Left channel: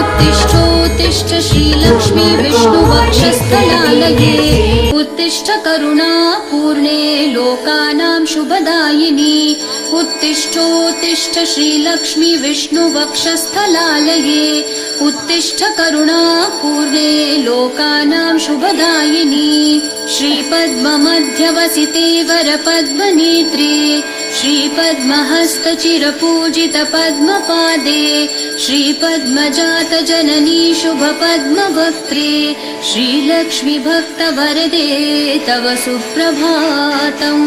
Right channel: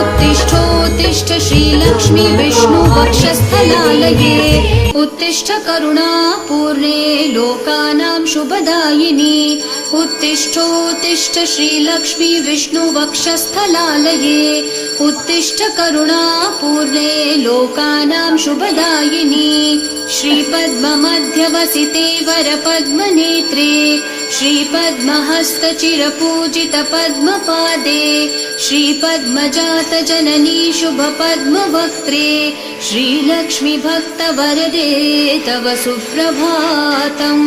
उत्तिष्ठोत्तिष्ठ श्रीलक्ष्मी विष्णुवक्षस्थलालये उत्तिष्ठ करुणा पूर्णे लोकानां शुभदायिनी उत्तिष्ठोत्तिष्ठ श्रीलक्ष्मी विष्णुवक्षस्थलालये उत्तिष्ठ करुणा पूर्णे लोकानां शुभदायिनी श्रीपद्ममध्यवसिते वरपद्मनेत्रे श्रीपद्महस्तचिरपूजित पद्मपादे श्रीपद्मजात जननी शुभपद्मवक्त्रे श्रीलक्ष्मी भक्तवरदे तव सुप्रभातम्।